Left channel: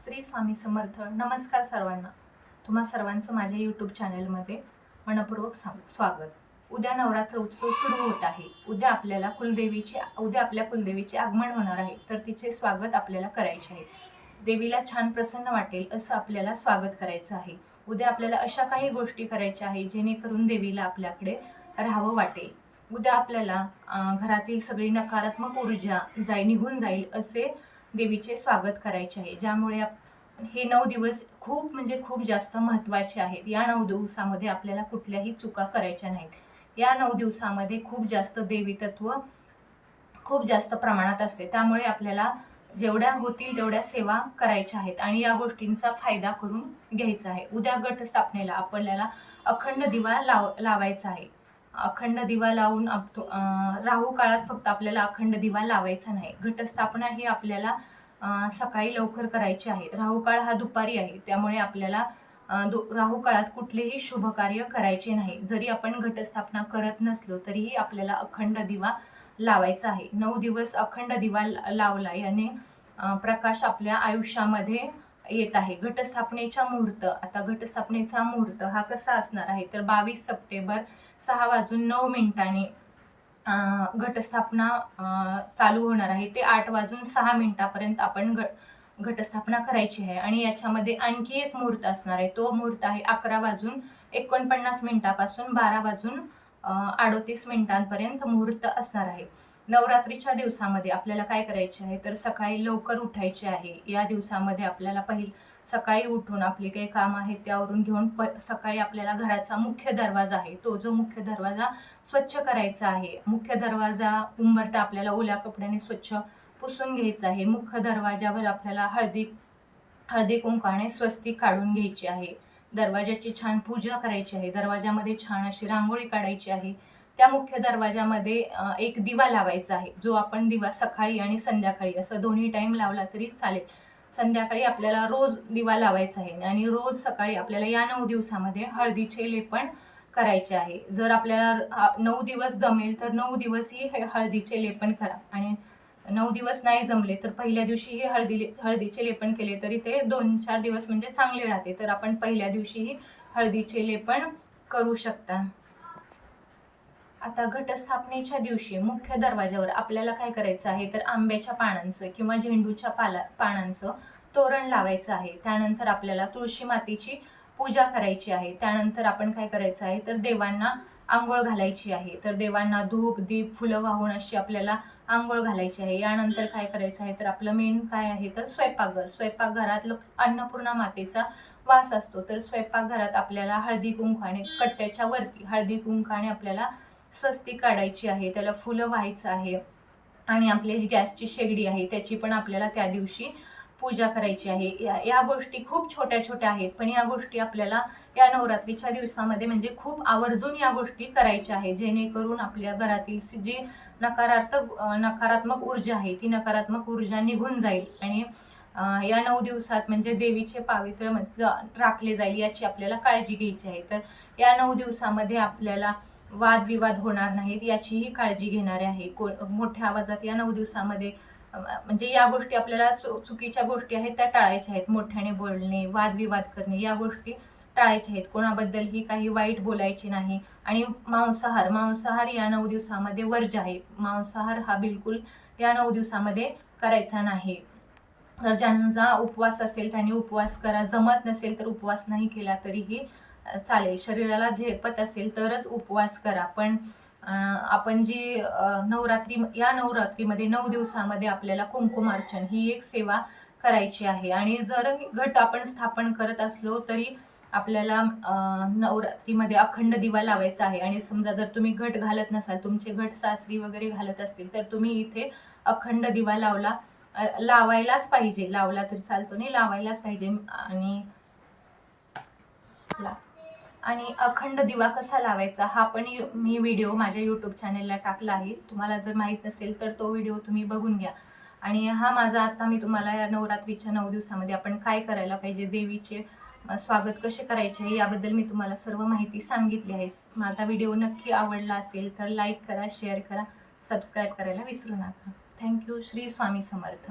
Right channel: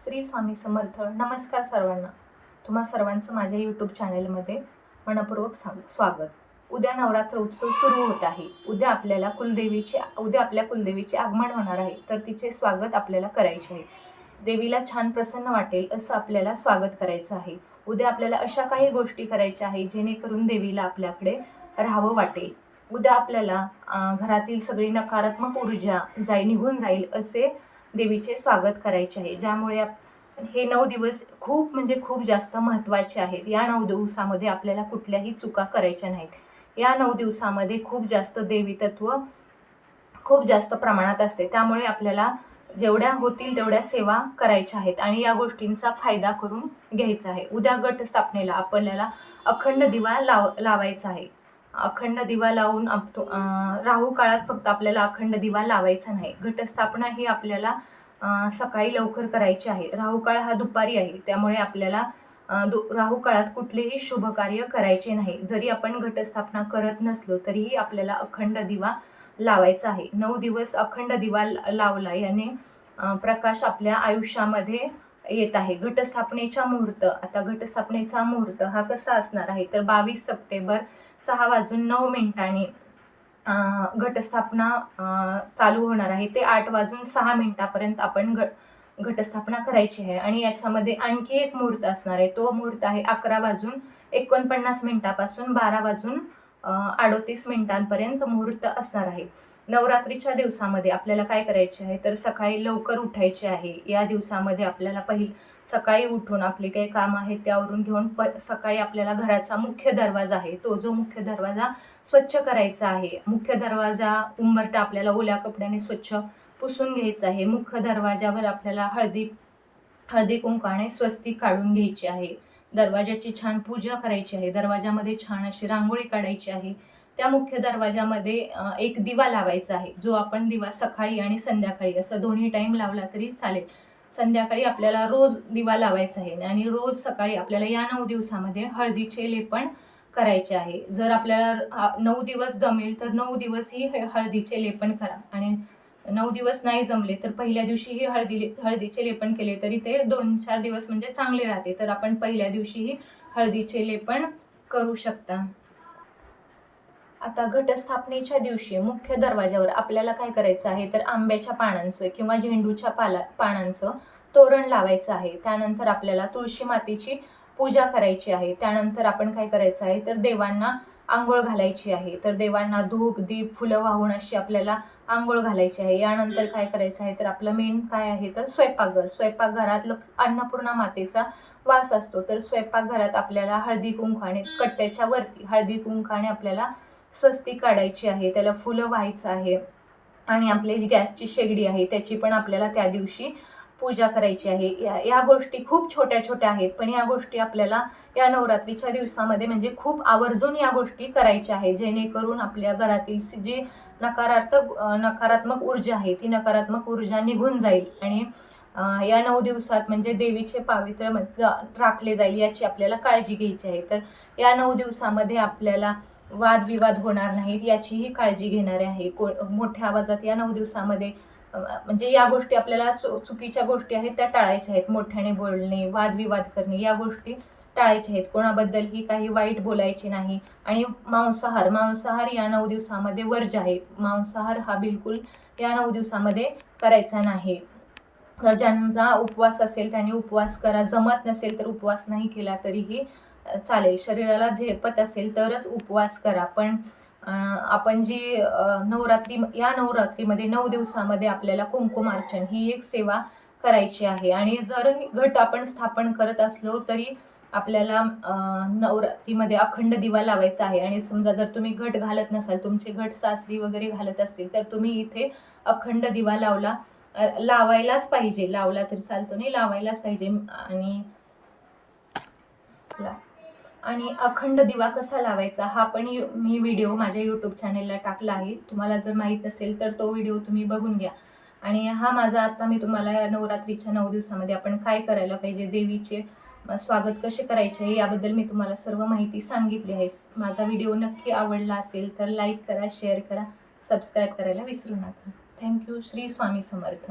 श्री स्वामी समर्थ. नमस्कार सर्वांना. तुम्हा सर्वांचं माझ्या यूट्यूब चॅनलमध्ये मनपूर्वक स्वागत. उद्या नवरात्र उत्सव सुरू होत आहे. उद्या आपल्या कुलदेवीचे आगमन होणार आहे, तर तिचे स्वागत आपल्याला करायचे आहे. देवीला छान प्रसन्न वाटेल असं आपल्याला स्वागत करायचं आहे. उद्या आपल्याला अशा काही गोष्टी करायच्या आहे जेणेकरून देवीला आपल्याकडे राहावं वाटेल. उद्या आपल्याला घरातील सगळी नकारात्मक ऊर्जा निघून जाईल असे देवीचे स्वागत करायचे आहे, ज्यामुळे हे 9 दिवस खूप जास्त महत्त्वाचे आहेत. या 9 दिवसामध्ये आपल्याला कुठल्याही चुका करायच्या नाहीत. या 9 दिवसामध्ये खूप जास्त देवी तत्व खूप जास्त प्रमाणात असते, त्यामुळे आपल्याला जेवढ्या होतील तेवढ्या सेवा करायच्या आहेत आणि या गोष्टींचा फायदा करून घ्यायचा आहे. उद्या घटस्थापनेला आपल्याला अखंड दिवा लावायचा आहे. अखंड दिवा लावून राहू काळात फक्त आपल्याला अखंड दिवा लावायचा नाही. घटस्थापना ही आपल्याला सकाळी लवकर करायची आहे. राहू काळ हा दुपारी आहे, त्यामुळे आपल्याला राहू काळात कुठलेही शुभ कार्य करायचे नाही. जरी आपण घटस्थापना करत नसलो तरीही आपल्याला अखंड दिवा लावायचा आहे. 9 दिवस अखंड दिवा लावला याने प्रकाश आपल्या आयुष्यामध्ये येत आहे. घटस्थापनेचा मुहूर्त हा कसा असणार आहे, तर 22 सप्टेंबर 6:09 घटस्थापना चालू होणार आहे. ते 8:06 आपण घटस्थापना करायची आहे. आणि याच्यामध्ये आणखी एक मुहूर्त असणार आहे. तो मुहूर्त आहे 11:49 पासून 12:38 मुहूर्त असणार आहे. नवरात्रीच्या दिवसामध्ये आपल्याला काय करायचे आहे, तर सकाळी लवकर उठायचे आहे. या दिवसामध्ये आपल्याला सकाळी उठून आपले काही काम आहेत त्यावरून घेऊन सकाळी आपल्याला घराचा मुख्य दरवाजा आहे, तो जो मुख्य दरवाजा स्वच्छ करायचा आहे. मुख्य दरवाजा उंबरठा आपल्याला ओल्या कपड्याने स्वच्छ पुसून घ्यायचा आहे. मुख्य दरवाजावर आपल्याला हळदी कुंकाने स्वस्तिक काढून घ्यायची आहे. दरवाजाची छान पूजा करायची आहे. दरवाजामध्ये छान अशी रांगोळी काढायची आहे. त्या मुख्य दरवाजामध्ये एक दिवा लावायचा आहे, जो आपण दिवा सकाळी आणि संध्याकाळी असं दोन्ही टाईम लावला तरी चालेल. संध्याकाळी आपल्याला रोज दिवा लावायचा आहे आणि रोज सकाळी आपल्याला या 9 दिवसामध्ये हळदीचे लेपन करायचे आहे. जर आपल्याला 9 दिवस जमेल तर 9 दिवसही हळदीचे लेपन करा आणि 9 दिवस नाही जमले तर पहिल्या दिवशीही हळदीचे लेपन केले तरी ते 2-4 दिवस म्हणजे चांगले राहते. तर आपण पहिल्या दिवशीही हळदीचे लेपन करू शकता. आता घटस्थापनेच्या दिवशी मुख्य दरवाजावर आपल्याला काय करायचं आहे, तर आंब्याच्या पानांचं किंवा झेंडूच्या पानांचं तोरण लावायचं आहे. त्यानंतर आपल्याला तुळशी मातेची पूजा करायची आहे. त्यानंतर आपण काय करायचं आहे, तर देवांना आंघोळ घालायची आहे. तर देवांना धूप दीप फुलं वाहून आपल्याला आंघोळ घालायची आहे. यानंतर काय करायचं आहे, तर आपलं मेन काय आहे, तर स्वयंपाकघरात अन्नपूर्णा मातेचा वास असतो. तर स्वयंपाकघरात आपल्याला हळदी कुंकाने कट्ट्याच्या वरती हळदी कुंकाने आपल्याला स्वस्तिक काढायची आहे. त्याला फुलं व्हायचं आहे आणि आपली जी गॅसची शेगडी आहे त्याची पण आपल्याला त्या दिवशी पूजा करायची आहे. या गोष्टी खूप छोट्या छोट्या आहेत, पण या गोष्टी आपल्याला या नवरात्रीच्या दिवसामध्ये म्हणजे खूप आवर्जून या गोष्टी करायच्या आहेत, जेणेकरून आपल्या घरातील जी नकारात्मक ऊर्जा आहे ती नकारात्मक ऊर्जा निघून जाईल आणि या 9 दिवसात म्हणजे देवीचे पावित्र्य राखले जाईल याची आपल्याला काळजी घ्यायची आहे. तर या 9 दिवसामध्ये आपल्याला वादविवाद होणार नाहीत याचीही काळजी घेणारे आहे. मोठ्या आवाजात या 9 दिवसामध्ये म्हणजे या गोष्टी आपल्याला चुकीच्या गोष्टी आहेत त्या टाळायच्या आहेत. मोठ्याने बोलणे, वादविवाद करणे या गोष्टी टाळायच्या आहेत. कोणाबद्दलही काही वाईट बोलायचे नाही. आणि मांसाहार या 9 दिवसामध्ये वर्ज्य आहे. मांसाहार हा बिलकुल या 9 दिवसामध्ये करायचा नाही. तर ज्यांचा उपवास असेल त्यांनी उपवास करा. जमत नसेल तर उपवास नाही केला तरीही चालेल. शरीराला झेपत असेल तरच उपवास करा. पण आपण जी नवरात्रीमध्ये 9 दिवसामध्ये आपल्याला कुंकुमार्चन ही एक सेवा करायची आहे. आणि जर घट आपण स्थापन करत असलो तरी आपल्याला नवरात्रीमध्ये अखंड दिवा लावायचा आहे. आणि समजा जर तुम्ही घट घालत नसाल, तुमचे घट सासरी वगैरे घालत असतील, तर तुम्ही इथे अखंड दिवा लावायलाच पाहिजे. लावला तरी चालतो नाही, लावायलाच पाहिजे. आणि अखंड दिवा कसा लावायचा हा पण मी व्हिडिओ माझ्या यूट्यूब चॅनेलला टाकला आहे. तुम्हाला जर माहीत नसेल तर तो व्हिडिओ तुम्ही बघून घ्या. आणि हा माझा आता मी तुम्हाला या नवरात्रीच्या 9 दिवसामध्ये आपण काय करायला पाहिजे, देवीचे स्वागत कसे करायचे आहे याबद्दल मी तुम्हाला सर्व माहिती सांगितली आहे. माझा व्हिडिओ नक्की आवडला असेल तर लाईक करा, शेअर करा, सबस्क्राईब करायला विसरू नका. थँक्यू. श्री स्वामी समर्थ.